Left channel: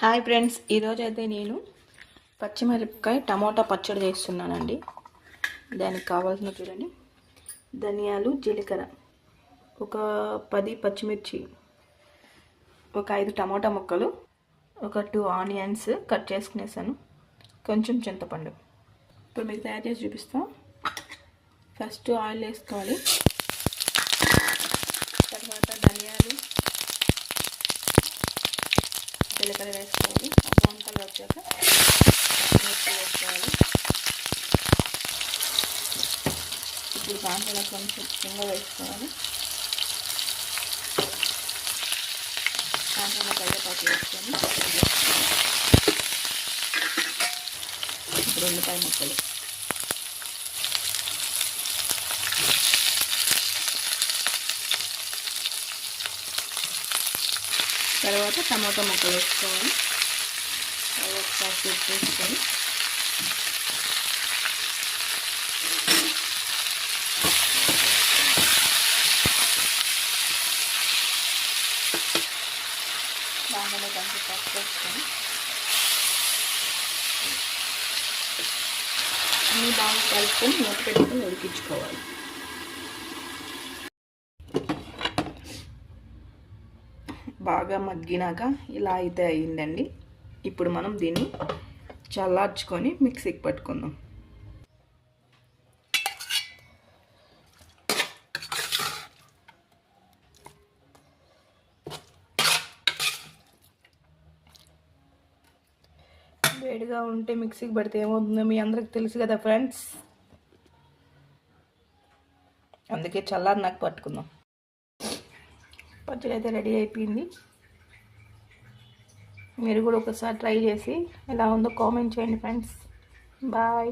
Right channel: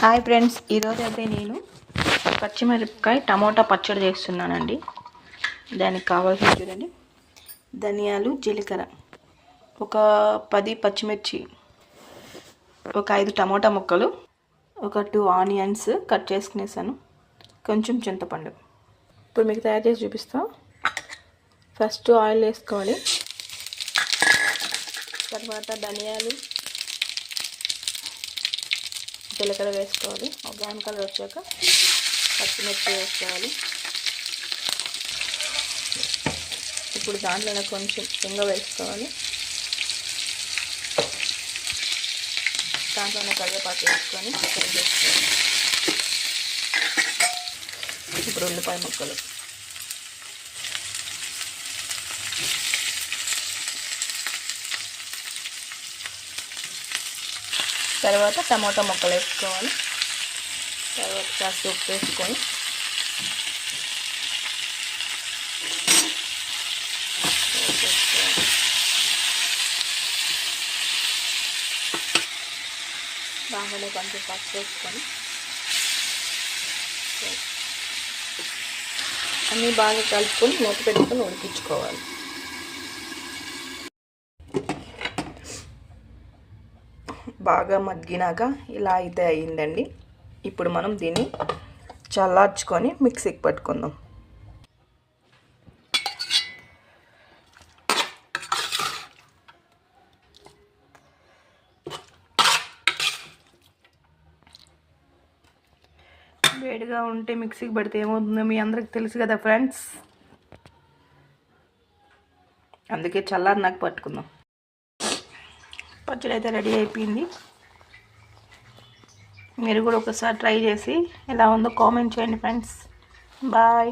Hi friends, ఈరోజు అయితే నేను పచ్చిమిరపకాయ టమోటా పచ్చడి చేస్తున్నానండి. దానికి కావాల్సిన చూడండి, ధనియాలు, జీలకర్ర, ఒక 10 పచ్చిమిర్చి, ఒక 5 టమోటా ముక్కలు, ఒక 2 ఆనియన్స్ కట్ చేసుకునేసాను, కొంచెం చింతపండు. ఇప్పుడు మీకు తయారు చేసి చూపిస్తాం. ఫస్ట్ ఆయిల్ వేసుకోవాలి, తర్వాత ధనియాలు, జీలకర్ర వేసుకోవాలి. బ్రౌన్ కలర్ వచ్చాక పచ్చిమిర్చి వేసుకోవాలి. ఇప్పుడు దాంట్లోనే కొంచెం ఇంగ వేసుకోవాలి. దాంట్లోనే కరివేపాకు వేసుకొని ఇప్పుడు ఉల్లిపాయ ముక్కలు, తర్వాత టమాటా ముక్కలు వేసుకోవాలి. తర్వాత కాస్త ఉప్పు వేసుకొని దాంట్లో కొంచెం పసుపు వేసుకొని అన్నీ బాగా కలుపుకొని మూత పెట్టుకొని ఉడికించుకోవాలి. బాగా మగ్గినాక ఇలా అయితే అయ్యిందండి. ఇప్పుడు మనం దీన్ని చల్లార్చుకొని మిక్సీకి పట్టుకుందాం. వేడిగా ఉంటే మిక్సీకి పడితే ఏమవుతుందో మీ అందరికి తెలుసు కదా ఫ్రెండ్స్, అందుకే చల్లారి నాకు పట్టుకుందాం. పచ్చడి అయితే రెడీ అయిపోయింది. మీరు కూడా ఒకసారి ట్రై చేసి ఎలా ఉందో కామెంట్ చేయండి ఫ్రెండ్స్. బాయ్.